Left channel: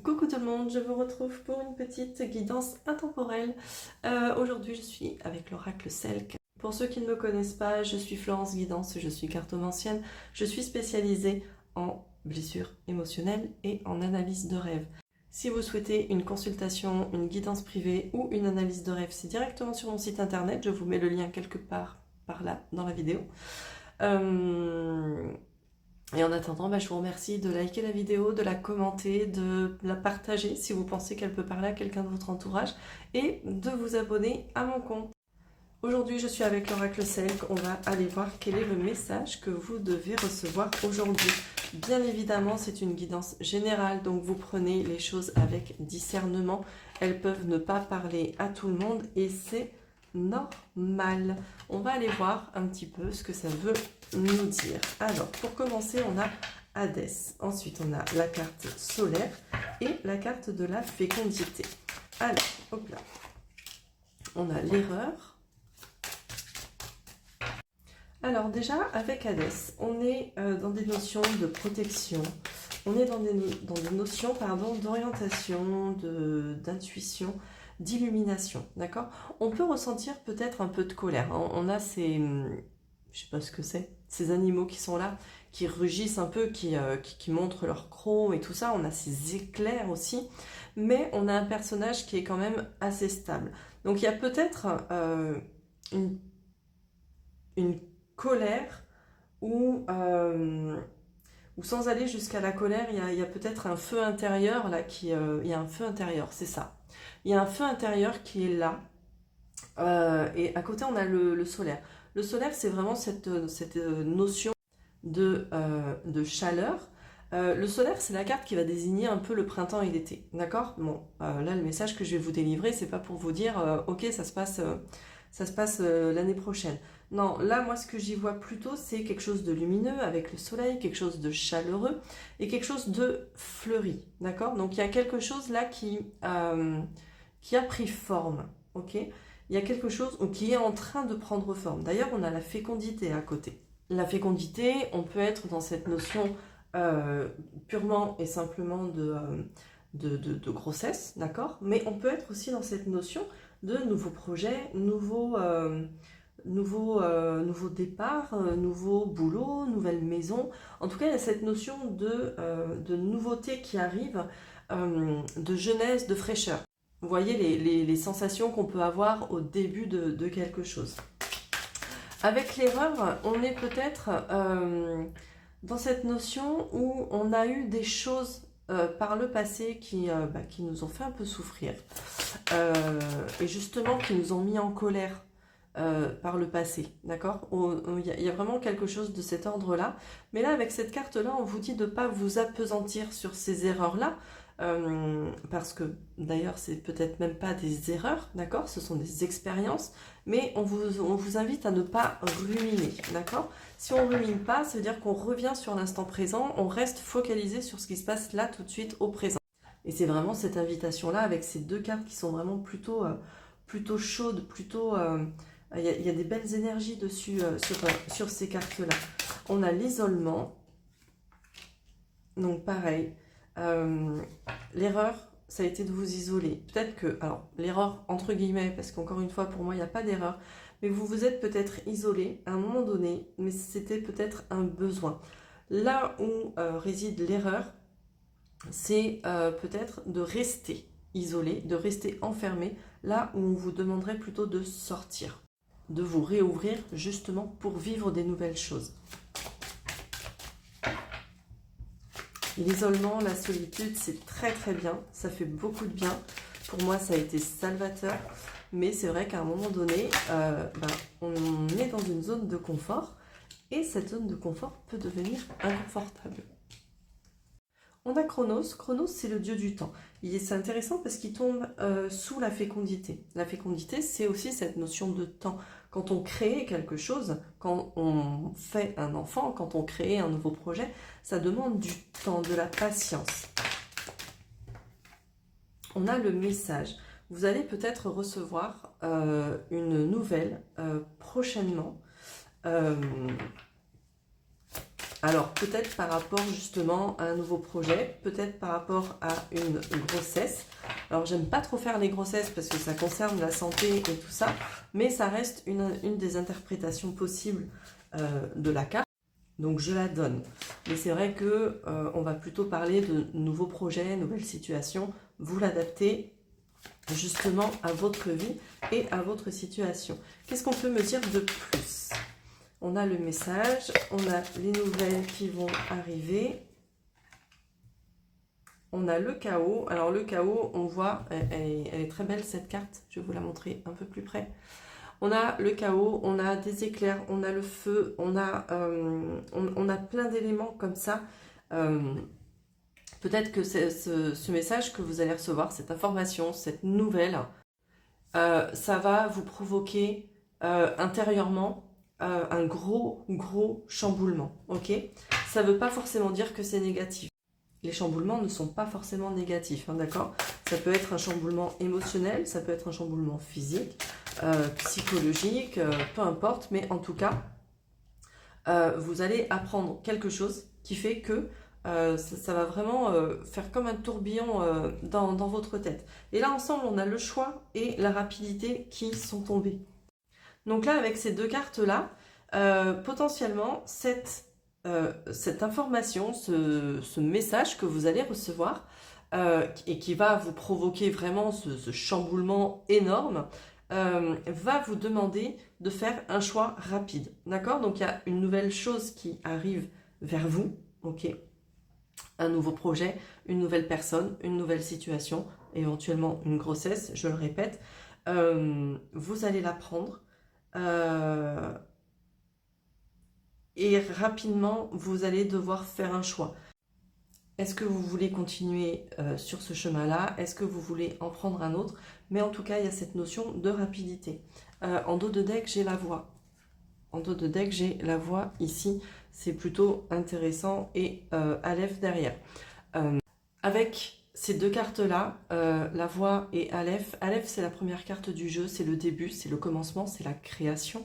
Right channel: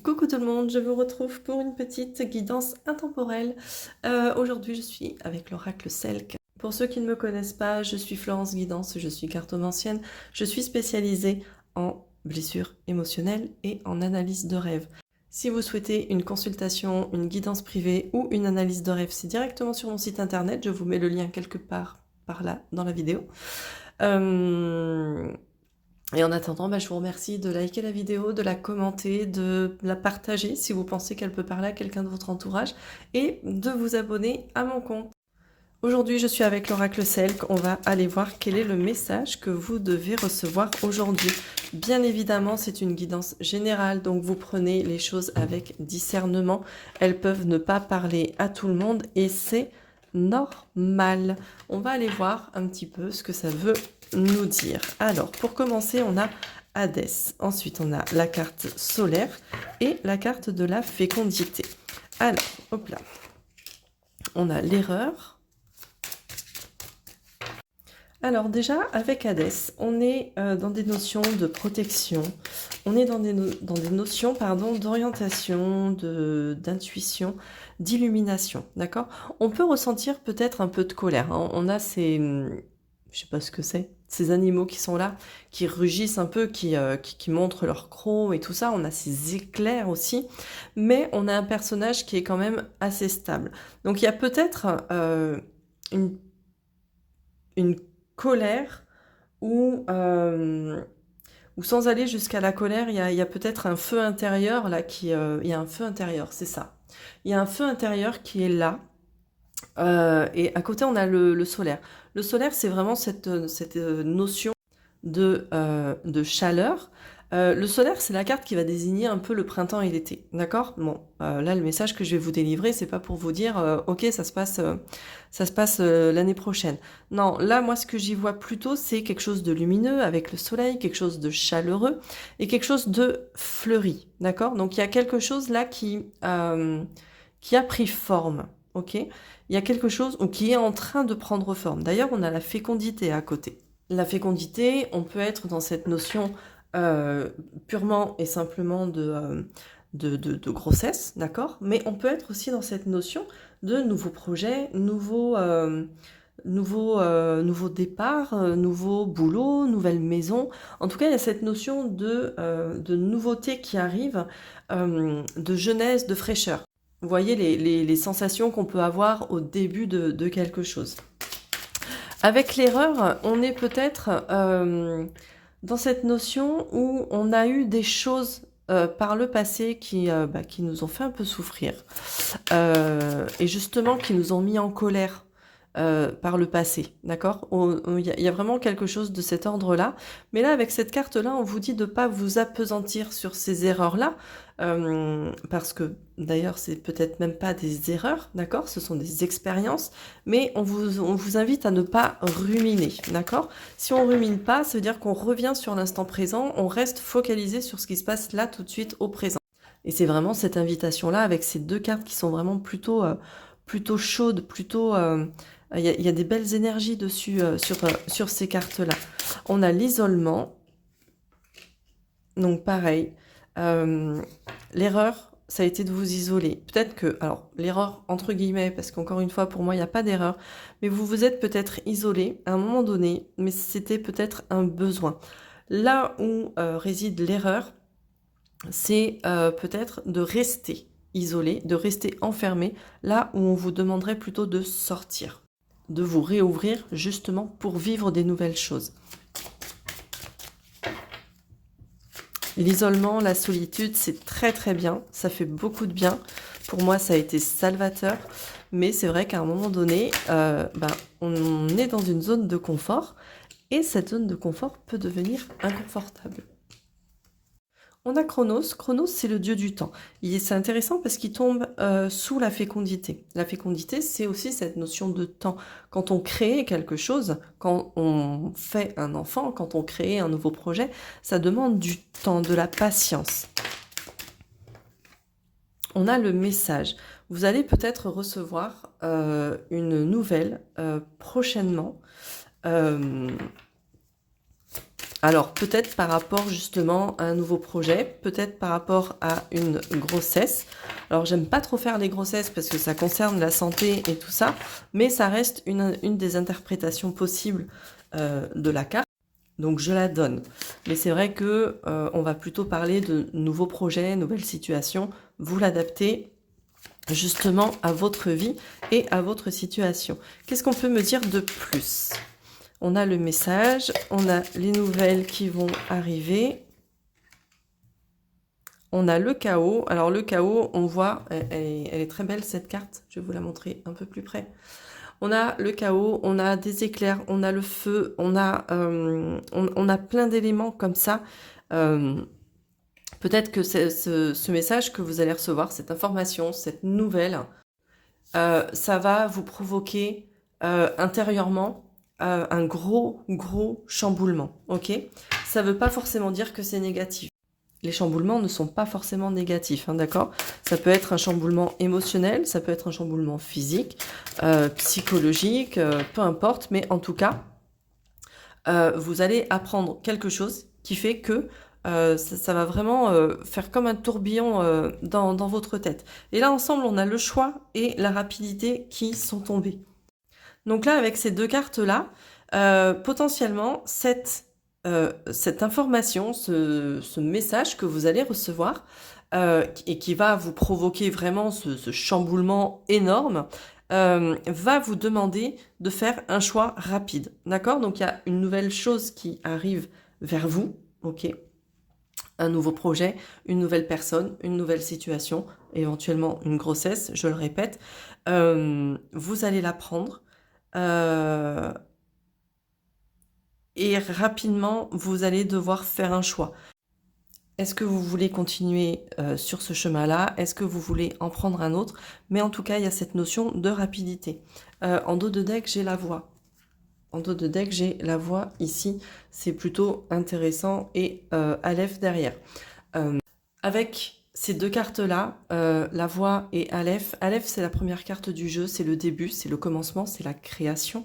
Coucou tout le monde, je vous retrouve pour une petite guidance intemporelle. Aujourd'hui, je suis avec l'oracle Selk. Pour ceux qui ne me connaissent pas, je suis Florence Guidance, je suis cartomancienne. Je suis spécialisée en blessures émotionnelles et en analyse de rêve. Si vous souhaitez une consultation, une guidance privée ou une analyse de rêve, c'est directement sur mon site internet. Je vous mets le lien quelque part par là dans la vidéo. Et en attendant, je vous remercie de liker la vidéo, de la commenter, de la partager si vous pensez qu'elle peut parler à quelqu'un de votre entourage et de vous abonner à mon compte. Aujourd'hui, je suis avec l'oracle Selk. On va aller voir quel est le message que vous devez recevoir aujourd'hui. Bien évidemment, c'est une guidance générale, donc vous prenez les choses avec discernement. Elles peuvent ne pas parler à tout le monde et c'est normal. On va aller voir un petit peu ce que ça veut nous dire. Alors, pour commencer, on a Hadès. Ensuite, on a la carte solaire et la carte de la fécondité. Alors, hop là. On a l'erreur. Alors déjà, avec Hadès, on est dans des notions de protection, on est dans des notions d'orientation, d'intuition, d'illumination, d'accord? On peut ressentir peut-être un peu de colère, hein. On a ces, je sais pas ce que c'est, ces animaux qui sont là, qui rugissent un peu, qui montrent leur croc et tout ça, on a ces éclairs aussi, mais on a un personnage qui est quand même assez stable. Donc il y a peut-être une colère ou sans aller jusqu'à la colère, il y a peut-être un feu intérieur là il y a un feu intérieur, c'est ça. Il y a un feu intérieur qui est là. Et à côté, on a le solaire. Le solaire, c'est vraiment cette notion de chaleur. Le solaire, c'est la carte qui va désigner un peu le printemps et l'été, d'accord? Bon, là, le message que je vais vous délivrer, c'est pas pour vous dire, ok, ça se passe l'année prochaine. Non, là, moi, ce que j'y vois plutôt, c'est quelque chose de lumineux avec le soleil, quelque chose de chaleureux et quelque chose de fleuri, d'accord? Donc, il y a quelque chose là qui a pris forme, ok? Il y a quelque chose qui est en train de prendre forme. D'ailleurs, on a la fécondité à côté. La fécondité, on peut être dans cette notion purement et simplement de grossesse, d'accord? Mais on peut être aussi dans cette notion de nouveaux projets, nouveaux départs, nouveaux boulots, nouvelles maisons. En tout cas, il y a cette notion de nouveauté qui arrive, de jeunesse, de fraîcheur. Vous voyez les sensations qu'on peut avoir au début de quelque chose. Avec l'erreur, on est peut-être dans cette notion où on a eu des choses par le passé qui nous ont fait un peu souffrir et justement qui nous ont mis en colère par le passé, d'accord? Il y a vraiment quelque chose de cet ordre-là. Mais là, avec cette carte-là, on vous dit de ne pas vous appesantir sur ces erreurs-là, parce que d'ailleurs, c'est peut-être même pas des erreurs, d'accord? Ce sont des expériences, mais on vous invite à ne pas ruminer, d'accord? Si on rumine pas, ça veut dire qu'on revient sur l'instant présent, on reste focalisé sur ce qui se passe là tout de suite au présent. Et c'est vraiment cette invitation-là, avec ces deux cartes qui sont vraiment plutôt chaudes, plutôt... il y a des belles énergies dessus sur ces cartes-là. On a l'isolement. Donc pareil, l'erreur, ça a été de vous isoler. Peut-être que, alors l'erreur entre guillemets, parce qu'encore une fois, pour moi, il n'y a pas d'erreur, mais vous vous êtes peut-être isolé à un moment donné, mais c'était peut-être un besoin. Là où réside l'erreur, c'est peut-être de rester isolé, de rester enfermé, là où on vous demanderait plutôt de sortir, de vous réouvrir justement pour vivre des nouvelles choses. L'isolement, la solitude, c'est très très bien, ça fait beaucoup de bien. Pour moi, ça a été salvateur, mais c'est vrai qu'à un moment donné, on est dans une zone de confort, et cette zone de confort peut devenir inconfortable. On a Chronos. Chronos, c'est le dieu du temps. C'est intéressant parce qu'il tombe sous la fécondité. La fécondité, c'est aussi cette notion de temps. Quand on crée quelque chose, quand on fait un enfant, quand on crée un nouveau projet, ça demande du temps, de la patience. On a le message. Vous allez peut-être recevoir une nouvelle prochainement. Alors, peut-être par rapport justement à un nouveau projet, peut-être par rapport à une grossesse. Alors, j'aime pas trop faire les grossesses parce que ça concerne la santé et tout ça, mais ça reste une des interprétations possibles de la carte. Donc, je la donne. Mais c'est vrai que on va plutôt parler de nouveaux projets, nouvelles situations. Vous l'adaptez justement à votre vie et à votre situation. Qu'est-ce qu'on peut me dire de plus? On a le message, on a les nouvelles qui vont arriver. On a le chaos. Alors le chaos, on voit, elle est très belle cette carte. Je vais vous la montrer un peu plus près. On a le chaos, on a des éclairs, on a le feu, on a plein d'éléments comme ça. Peut-être que ce message que vous allez recevoir, cette information, cette nouvelle, ça va vous provoquer intérieurement un gros chamboulement, ok? Ça ne veut pas forcément dire que c'est négatif. Les chamboulements ne sont pas forcément négatifs, hein, d'accord? Ça peut être un chamboulement émotionnel, ça peut être un chamboulement physique, psychologique, peu importe, mais en tout cas, vous allez apprendre quelque chose qui fait que ça va vraiment faire comme un tourbillon dans votre tête. Et là, ensemble, on a le choix et la rapidité qui sont tombés. Donc là, avec ces deux cartes-là, potentiellement, cette information, ce message que vous allez recevoir, et qui va vous provoquer vraiment ce chamboulement énorme, va vous demander de faire un choix rapide. D'accord? Donc il y a une nouvelle chose qui arrive vers vous, ok? Un nouveau projet, une nouvelle personne, une nouvelle situation, éventuellement une grossesse, je le répète. Vous allez la prendre. Et rapidement, vous allez devoir faire un choix. Est-ce que vous voulez continuer sur ce chemin-là? Est-ce que vous voulez en prendre un autre? Mais en tout cas, il y a cette notion de rapidité. En dos de deck, j'ai la voix. En dos de deck, j'ai la voix ici. C'est plutôt intéressant. Et Aleph derrière. Avec ces deux cartes-là, la voix et Aleph. Aleph, c'est la première carte du jeu. C'est le début, c'est le commencement, c'est la création.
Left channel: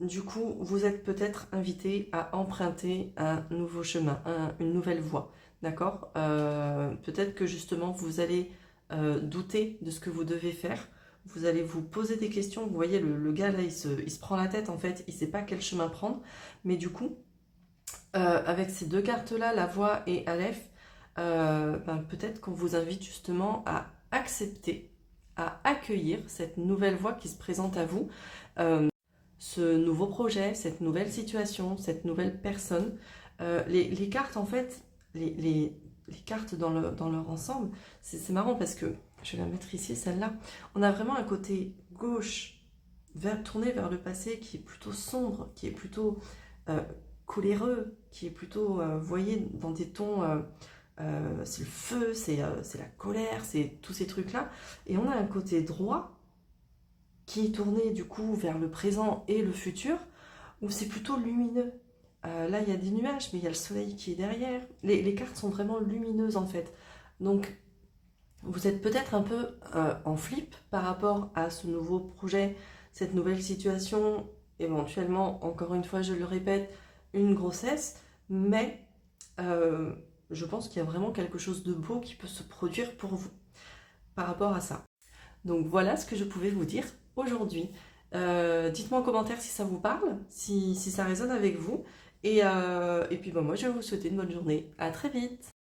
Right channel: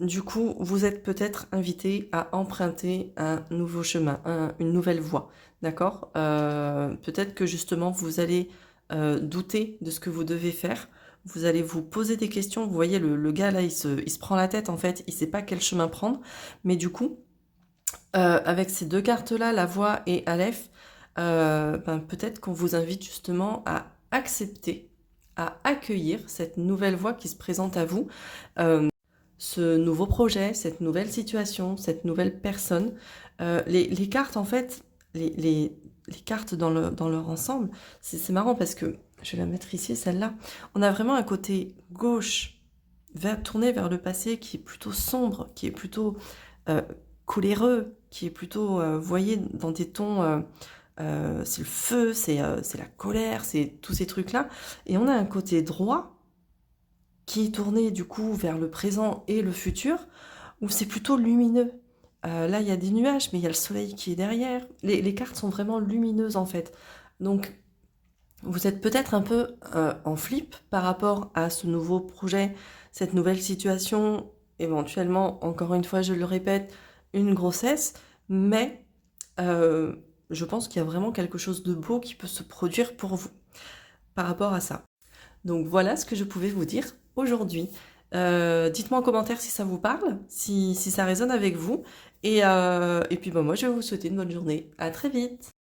Du coup, vous êtes peut-être invité à emprunter un nouveau chemin, une nouvelle voie, d'accord? Peut-être que justement, vous allez douter de ce que vous devez faire. Vous allez vous poser des questions. Vous voyez, le gars là, il se prend la tête en fait. Il ne sait pas quel chemin prendre. Mais du coup, avec ces deux cartes-là, la voix et Aleph, peut-être qu'on vous invite justement à accepter, à accueillir cette nouvelle voie qui se présente à vous, ce nouveau projet, cette nouvelle situation, cette nouvelle personne. Les cartes, en fait, les cartes dans leur ensemble, c'est marrant parce que, je vais la mettre ici, celle-là, on a vraiment un côté gauche, tourné vers le passé, qui est plutôt sombre, qui est plutôt coléreux, qui est plutôt, vous voyez, dans des tons... c'est le feu, c'est la colère, c'est tous ces trucs-là. Et on a un côté droit qui est tourné du coup vers le présent et le futur, où c'est plutôt lumineux. Là, il y a des nuages, mais il y a le soleil qui est derrière. Les cartes sont vraiment lumineuses en fait. Donc, vous êtes peut-être un peu en flip par rapport à ce nouveau projet, cette nouvelle situation, éventuellement, encore une fois, je le répète, une grossesse, mais je pense qu'il y a vraiment quelque chose de beau qui peut se produire pour vous par rapport à ça. Donc voilà ce que je pouvais vous dire aujourd'hui. Dites-moi en commentaire si ça vous parle, si ça résonne avec vous. Et puis moi, je vais vous souhaiter une bonne journée. À très vite!